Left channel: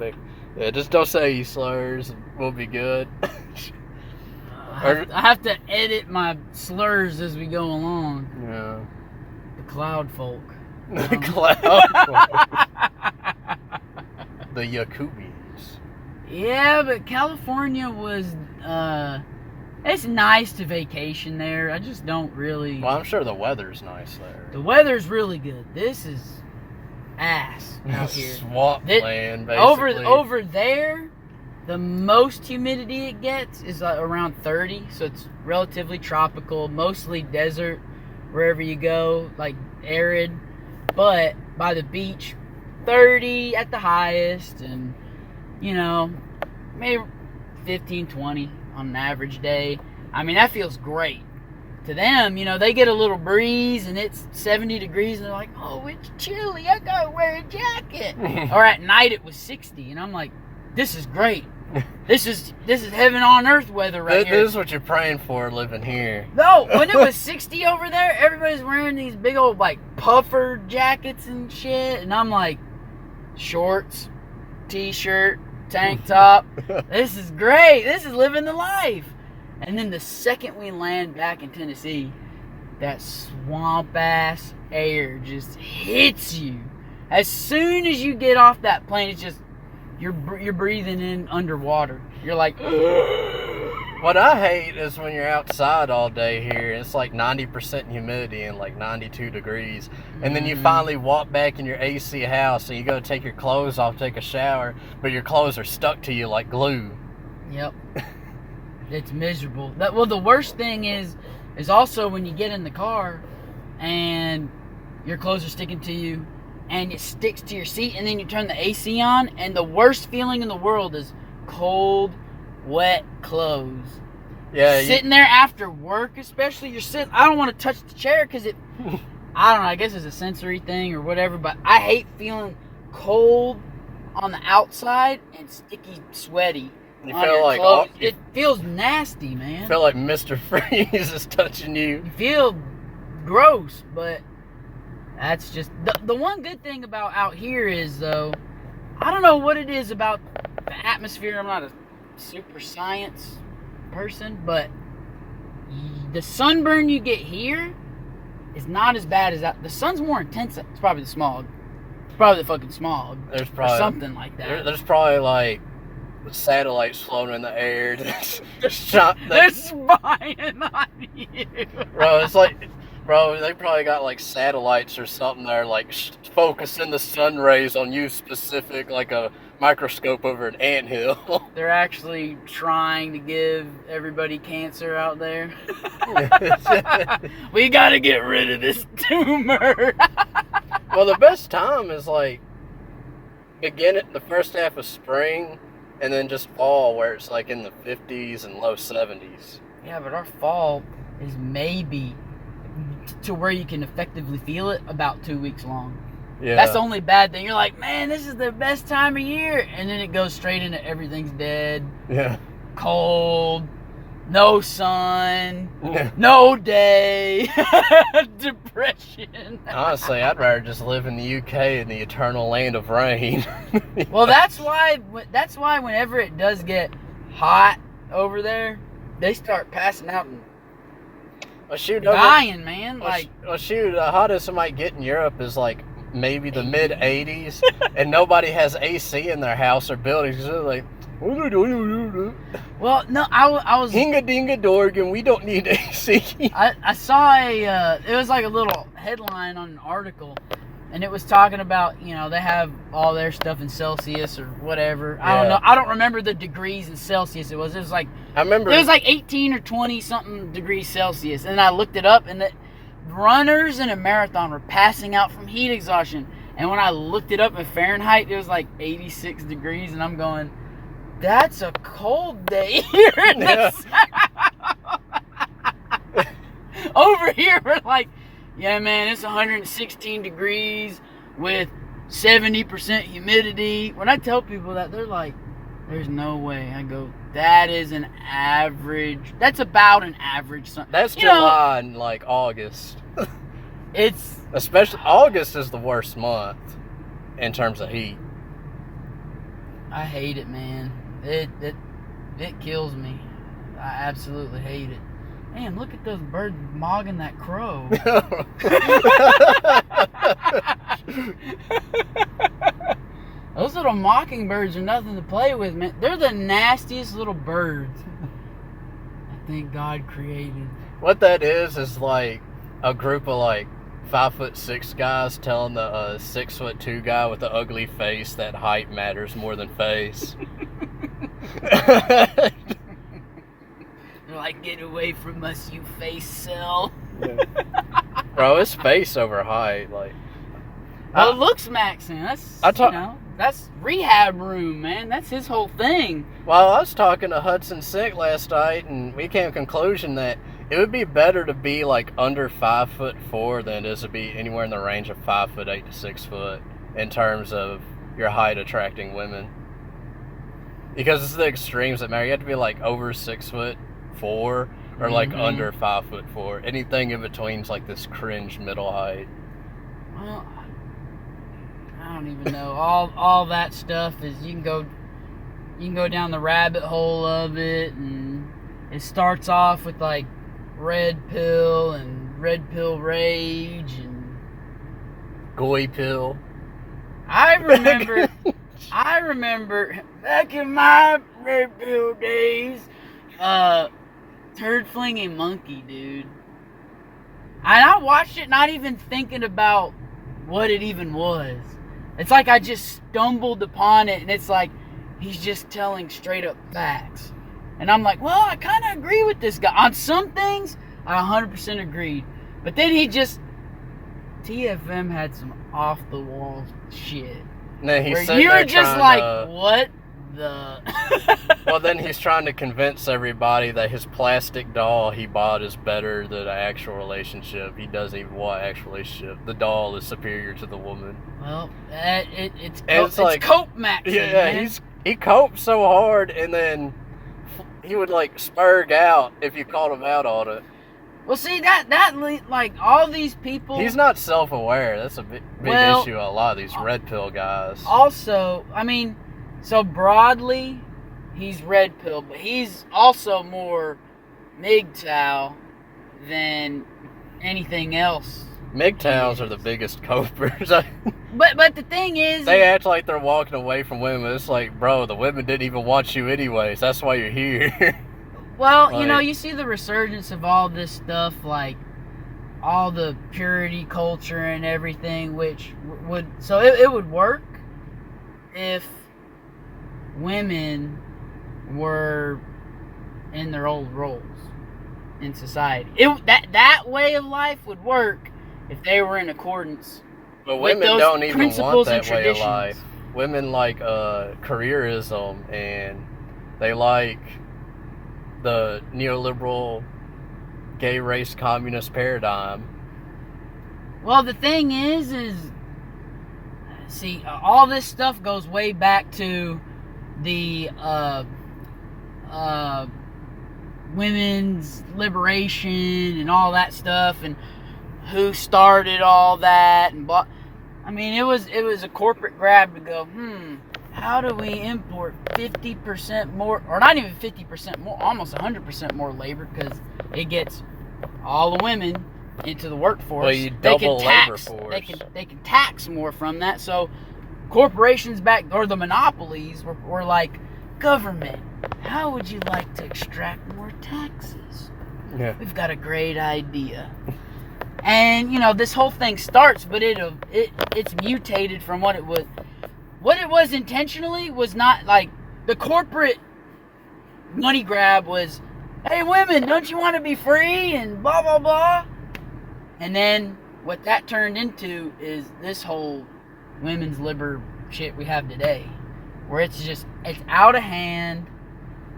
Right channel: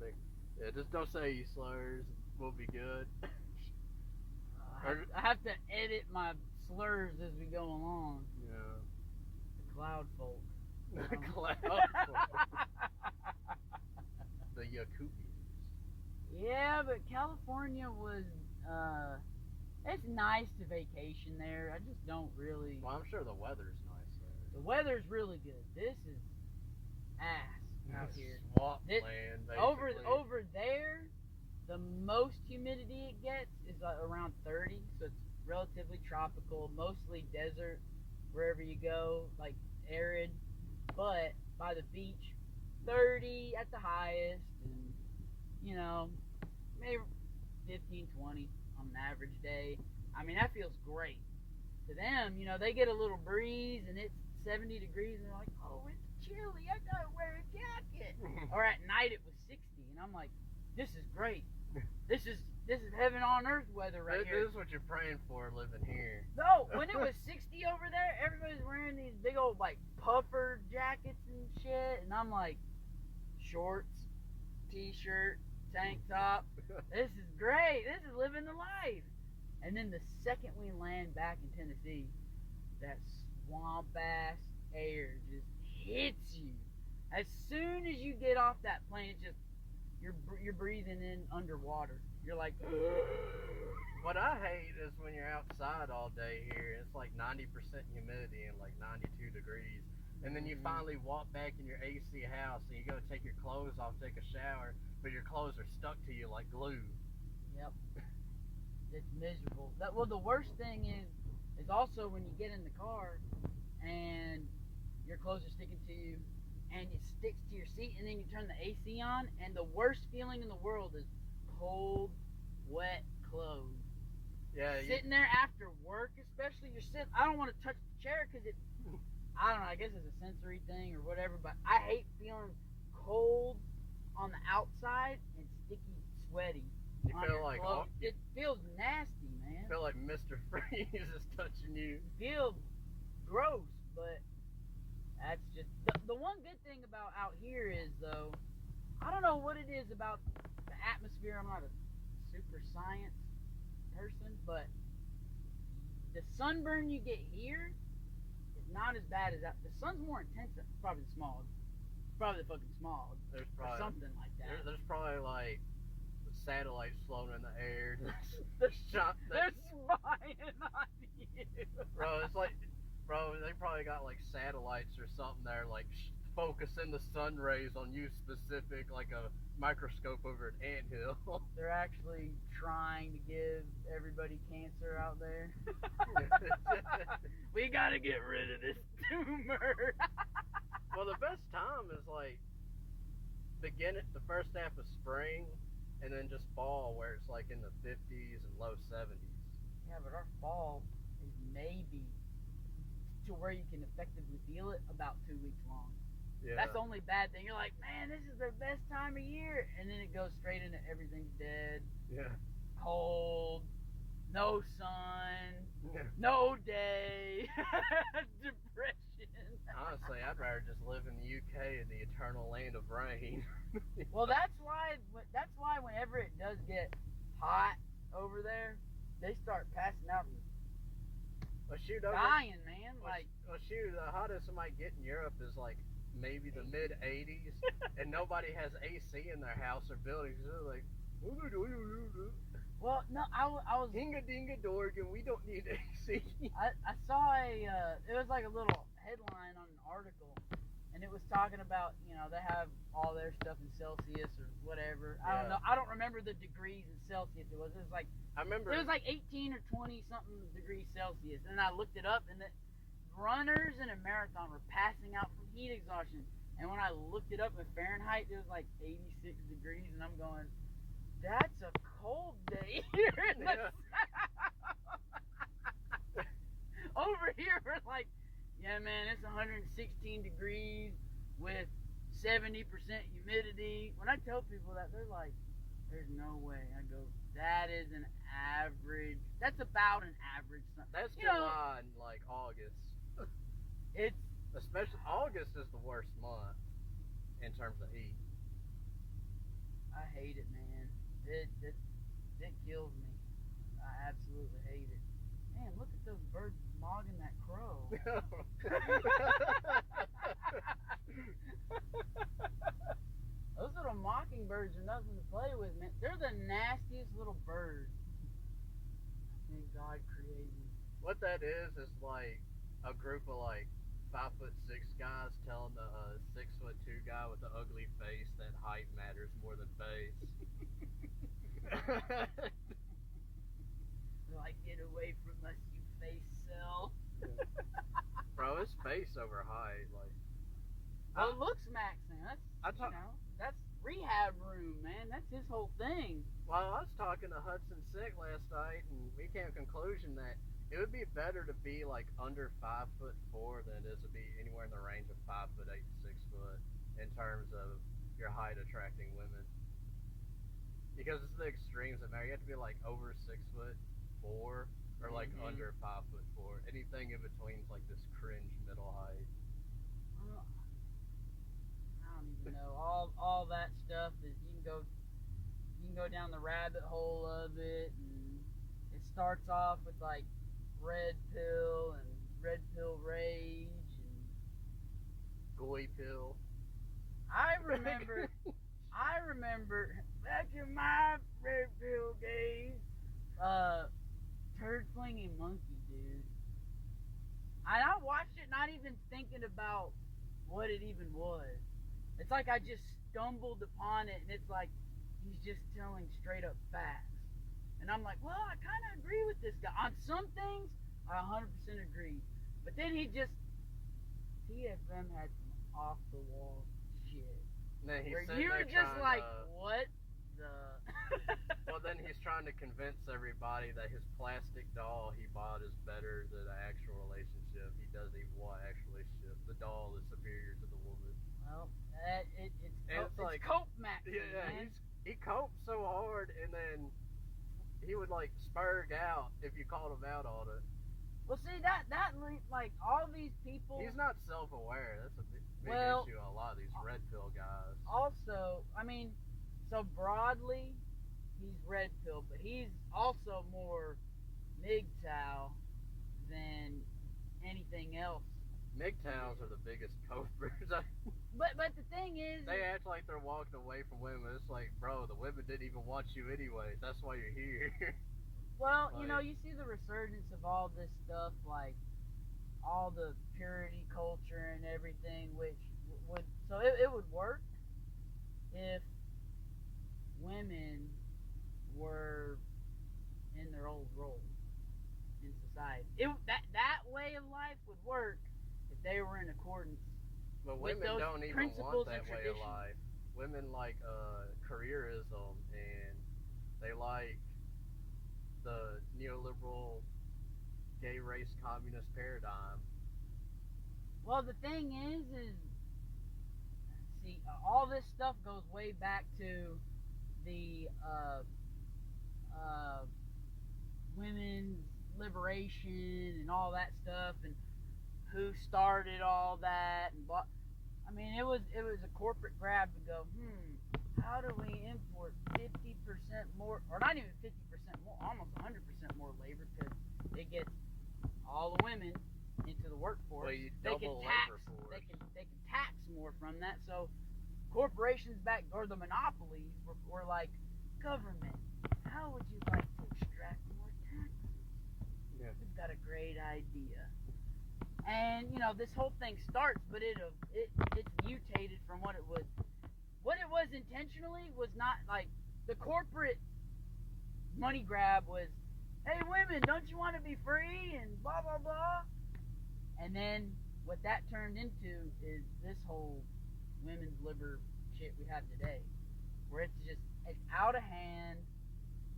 big. Yeah, just don't say any slurs. We'll be good. I have to edit my slurs as we go along. Yeah. The cloud folk. The cloud. The Yakubians. Yeah, but California was, it's nice to vacation there. I just don't really... Well, I'm sure the weather's nice there. The weather's really good. This is ass out here. Swamp land, basically. Over there, the most humidity it gets is around 30, so it's relatively tropical, mostly desert wherever you go, like arid. But by the beach, 30 at the highest, and you know, maybe 15, 20 on an average day. I mean, that feels great. To them, you know, they get a little breeze and it's 70 degrees and they're like, oh, it's chilly, I gotta wear a jacket. Or at night it was 60 and I'm like, this is great. This is heaven on earth weather right here. This is what you're praying for living here. No, when it was 60 over there, everybody's wearing these big old like puffer jackets and shit, and I'm like, shorts, t-shirt, tank top. This is great. This is living the life. And then the second we land back in Tennessee, that swamp ass air just hits you. As soon as you get off that plane, it's just you're breathing in underwater. You're like, what I hate is when you're outside all day here, it's like 90% humidity and like 92 degrees. And then you finally walk back in your AC house and you go take your clothes off, take a shower, but your clothes are stuck to you like glue. Yep. It's miserable. Well, the worst thing is also when you get in the car and your clothes are sticking to you and it sticks to your seat and then you turn the AC on and the worst feeling in the world is cold, wet clothes. Yeah. Sitting there after work, especially, you're sitting, I don't want to touch the chair because it, I don't know, I guess it's a sensory thing or whatever, but I hate feeling cold on the outside and sticky, sweaty. You feel like it feels nasty, man. You feel like Mr. Freeze is touching you. You feel gross, but that's just the one good thing about out here is, though, I don't know what it is about the atmosphere. I'm not a super science person, but the sunburn you get here is not as bad as that. The sun's more intense. It's probably the smog. It's probably the fucking smog. There's probably or something like that. There's probably like satellites floating in the air. They're spying on you. Bro, they probably got like satellites or something that are like focusing the sun rays on you specific, like a microscope over an anthill. They're actually trying to give everybody cancer out there. We gotta get rid of this tumor. Well, the best time is like the first half of spring and then just fall where it's like in the 50s and low 70s. Yeah, but our fall is maybe to where you can effectively feel it about 2 weeks long. Yeah. That's the only bad thing. You're like, man, this is the best time of year. And then it goes straight into everything's dead. Yeah. Cold. No sun. No day. Depression. Honestly, I'd rather just live in the UK in the eternal land of rain. Well, that's why whenever it does get hot over there, they start passing out and dying, man. The hottest it might get in Europe is like maybe the mid 80s, and nobody has AC in their house or buildings. They're like, well, no, I was hinga dinga dorgan. We don't need AC. I saw it was like a little headline on an article, and it was talking about, you know, they have all their stuff in Celsius or whatever. Yeah. I don't know. I don't remember the degrees in Celsius it was. It was like, I remember. It was like 18 or 20 something degrees Celsius, and I looked it up, and the runners in a marathon were passing out from heat exhaustion. And when I looked it up in Fahrenheit, it was like 86 degrees, and I'm going, that's a cold day here in the South. Over here, we're like, yeah, man, it's 116 degrees with 70% humidity. When I tell people that, they're like, there's no way. I go, that is an average. That's about an average. That's July and like August. Especially August is the worst month in terms of heat. I hate it, man. It kills me. I absolutely hate it. Man, look at those birds mogging that crow. Those little mockingbirds are nothing to play with, man. They're the nastiest little birds I think God created. What that is like a group of like 5'6" guys telling the 6'2" guy with the ugly face that height matters more than face. They're like, get away from us, you face cell. Yeah. Bro, it's face over height. Like, well, it looks maxing. That's rehab room, man. That's his whole thing. Well, I was talking to Hudson Sick last night, and we came to a conclusion that it would be better to be like under 5'4" than it is to be anywhere in the range of 5'8" to 6 foot in terms of your height attracting women. Because it's the extremes that matter. You have to be like over 6'4" or like under 5'4". Anything in between is like this cringe middle height. Well, I don't even know. All that stuff is you can go down the rabbit hole of it, and it starts off with like red pill and red pill rage and Goy pill. I remember back in my red pill days, turd flinging monkey, dude. And I watched it not even thinking about what it even was. It's like I just stumbled upon it, and it's like he's just telling straight up facts. And I'm like, well, I kind of agree with this guy. On some things, I 100% agreed. But then TFM had some off-the-wall shit. No, he's where you were just like, what the... Well, then he's trying to convince everybody that his plastic doll he bought is better than an actual relationship. He doesn't even want an actual relationship. The doll is superior to the woman. Well, it's like cope maxing. Yeah, man. he coped so hard, and then he would like spurg out if you called him out on it. Well, see that like all these people. He's not self-aware. That's a big issue. A lot of these red pill guys. Also, I mean, so broadly, he's red pill, but he's also more MGTOW than anything else. MGTOWs are the biggest copers. But the thing is, they act like they're walking away from women. It's like, bro, the women didn't even want you anyways. That's why you're here. Well, like, you see the resurgence of all this stuff, like all the purity culture and everything, which would it would work if women were in their old roles in society. That way of life would work if they were in accordance. But women don't even want that way of traditions. life. Women like careerism, and they like the neoliberal gay race communist paradigm. Well, the thing is see, all this stuff goes way back to the women's liberation and all that stuff, and who started all that, and blah. I mean, it was a corporate grab to go, how do we import 50% more, or not even 50% more, almost 100% more labor, because it gets all the women into the workforce. Well, you double labor force. They can tax more from that. So corporations back, or the monopolies, were like, government, how would you like to extract more taxes? Yeah. We've got a great idea. And this whole thing starts, but it's mutated from what it was. What it was intentionally was not like the corporate money grab was, hey women, don't you want to be free and blah blah blah. And then what that turned into is this whole women's liber shit we have today, where it's out of hand,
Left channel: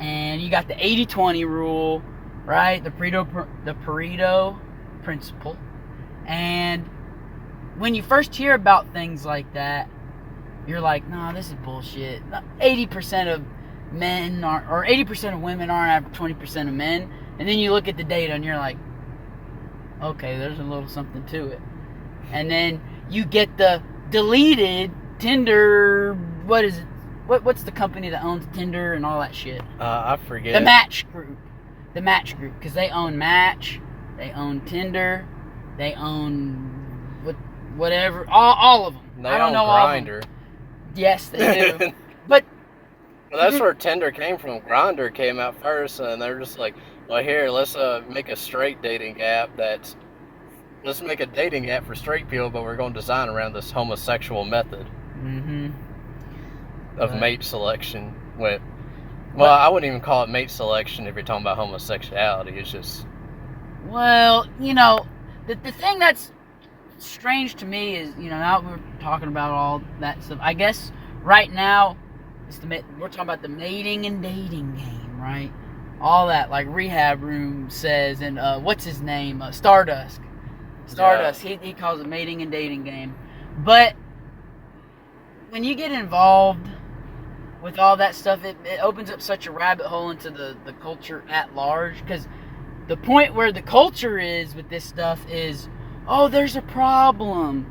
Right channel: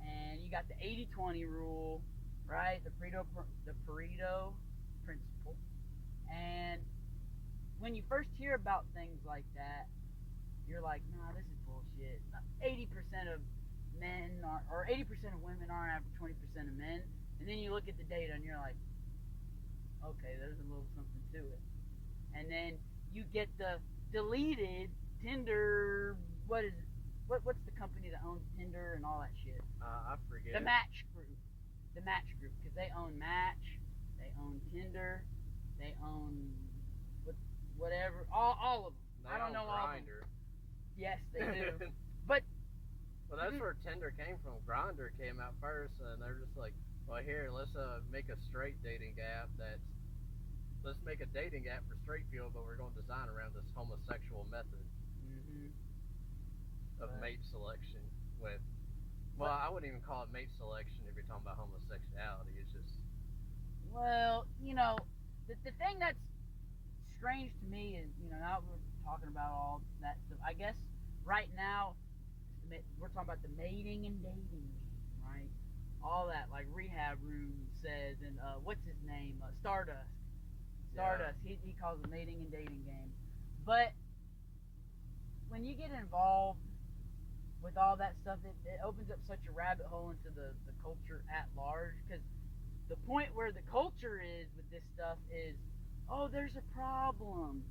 and you got the 80-20 rule, right? The Pareto principle. And when you first hear about things like that, you're like, nah, this is bullshit. 80% of men or 80% of women aren't 20% of men. And then you look at the data and you're like, okay, there's a little something to it. And then you get the deleted Tinder, what is it? what's the company that owns Tinder and all that shit? I forget. The Match Group. The Match Group, because they own Match, they own Tinder, they own whatever, all of them. They I don't own know Grindr. all of them. Yes, they do. But well, that's where Tinder came from. Grindr came out first, and they're just like, well, here, let's make a straight dating app let's make a dating app for straight people, but we're going to design around this homosexual method of mate selection. Well, I wouldn't even call it mate selection if you're talking about homosexuality. It's just... Well, you know, the thing that's strange to me is, you know, now we're talking about all that stuff. I guess right now, we're talking about the mating and dating game, right? All that, like Rehab Room says, and what's his name? Stardust. Yeah. He calls it mating and dating game. But when you get involved with all that stuff, it opens up such a rabbit hole into the culture at large. Because the point where the culture is with this stuff is, oh, there's a problem.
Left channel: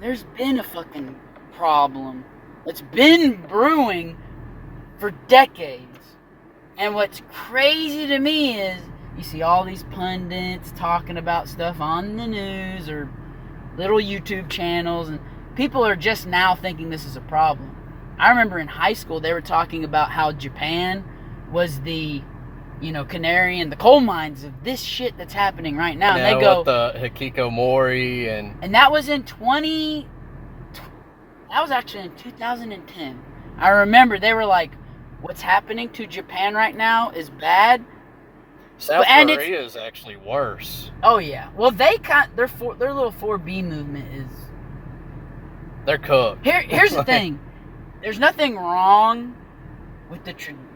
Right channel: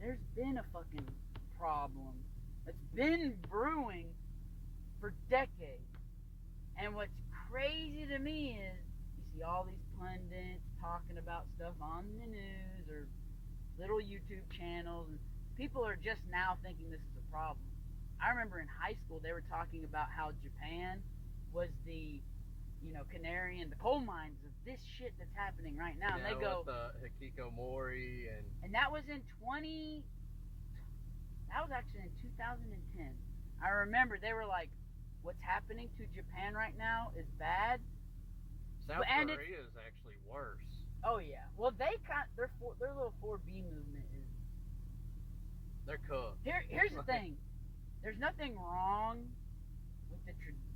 There's been a fucking problem. It's been brewing for decades. And what's crazy to me is you see all these pundits talking about stuff on the news or little YouTube channels, and people are just now thinking this is a problem. I remember in high school they were talking about how Japan was the, you know, canary in the coal mines of this shit that's happening right now. Yeah, and they go with the hikikomori and that was in that was actually in 2010. I remember they were like, what's happening to Japan right now is bad. South Korea is actually worse. Oh yeah. Well, their little 4B movement is... They're cooked. Here's the thing. There's nothing wrong with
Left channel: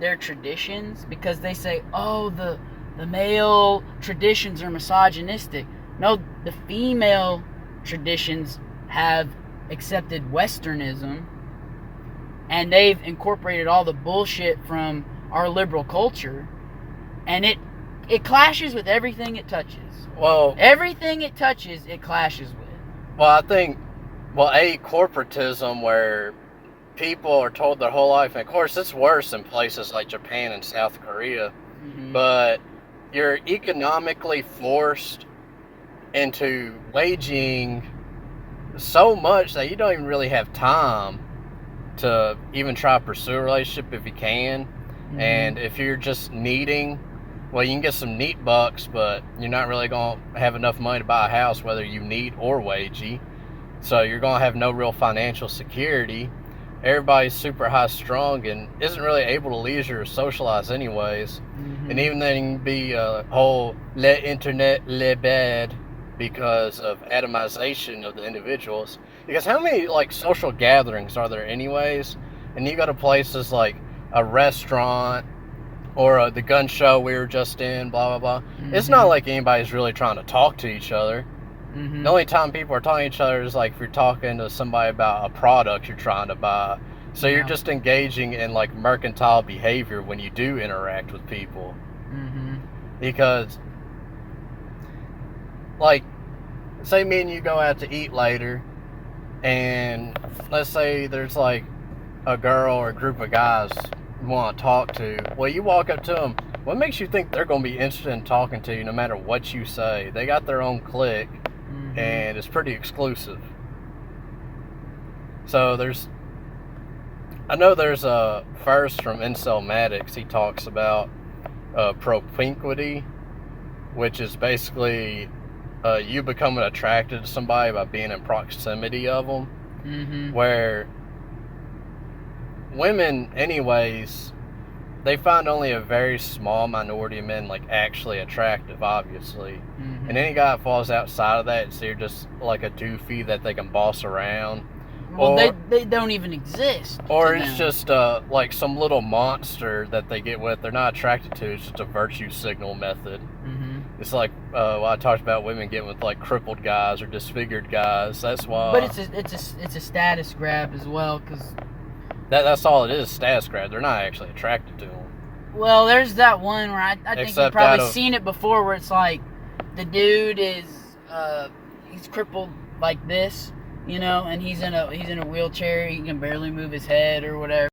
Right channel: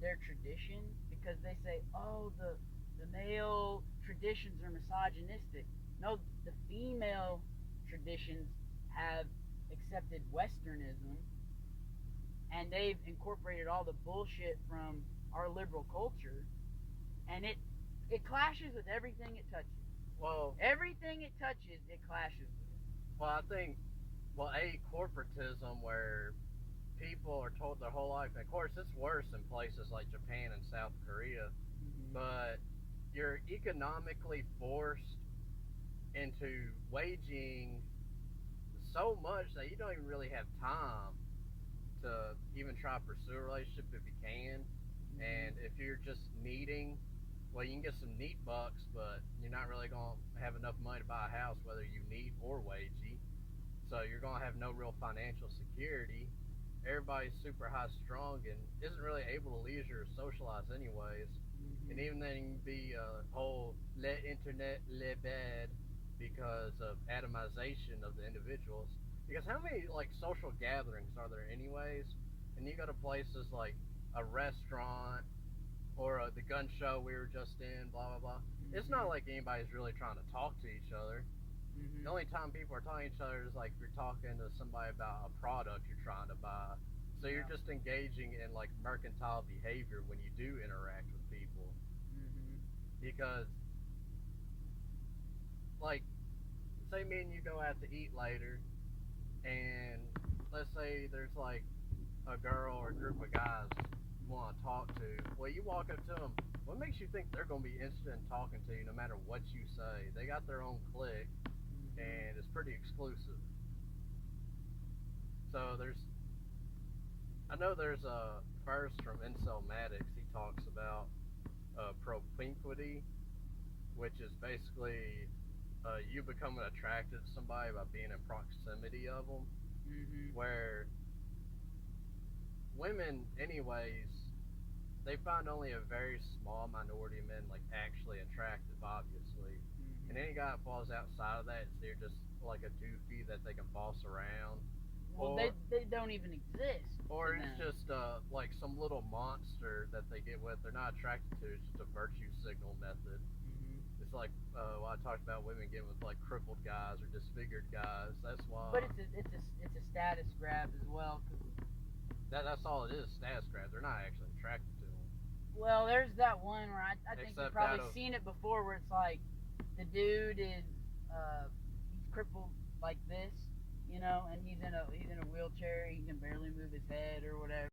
their traditions, because they say, oh, the male traditions are misogynistic. No, the female traditions have accepted Westernism, and they've incorporated all the bullshit from our liberal culture, and it clashes with everything it touches. Well, everything it touches, it clashes with. Well, I think, corporatism, where people are told their whole life, and of course it's worse in places like Japan and South Korea, but you're economically forced into waging so much that you don't even really have time to even try to pursue a relationship if you can. And if you're just needing, well, you can get some neat bucks, but you're not really going to have enough money to buy a house, whether you need or wagey. So you're going to have no real financial security. Everybody's super high strung and isn't really able to leisure or socialize anyways. And even then you can be a whole le internet le bad because of atomization of the individuals. Because how many like social gatherings are there anyways? And you go to places like a restaurant or the gun show we were just in, blah, blah, blah. It's not like anybody's really trying to talk to each other. The only time people are talking to each other is like if you're talking to somebody about a product you're trying to buy. So you're just engaging in like mercantile behavior when you do interact with people. Because, like, say me and you go out to eat later, and let's say there's like a girl or a group of guys you want to talk to. Well, you walk up to them. What makes you think they're going to be interested in talking to you no matter what you say? They got their own clique. And it's pretty exclusive. So I know there's a first from Incelmatics. He talks about propinquity, which is basically you becoming attracted to somebody by being in proximity of them. Where women, anyways, they find only a very small minority of men like actually attractive, obviously. And any guy that falls outside of that, so you're just like a doofy that they can boss around. Well, they don't even exist. Or it's just like some little monster that they get with. They're not attracted to. It's just a virtue signal method. It's like I talked about women getting with like crippled guys or disfigured guys. That's why. But it's a status grab as well, because that's all it is. Status grab. They're not actually attracted to them. Well, there's that one where I think you've probably seen it before, where it's like the dude is he's crippled like this, you know, and he's in a wheelchair. He can barely move his head or whatever.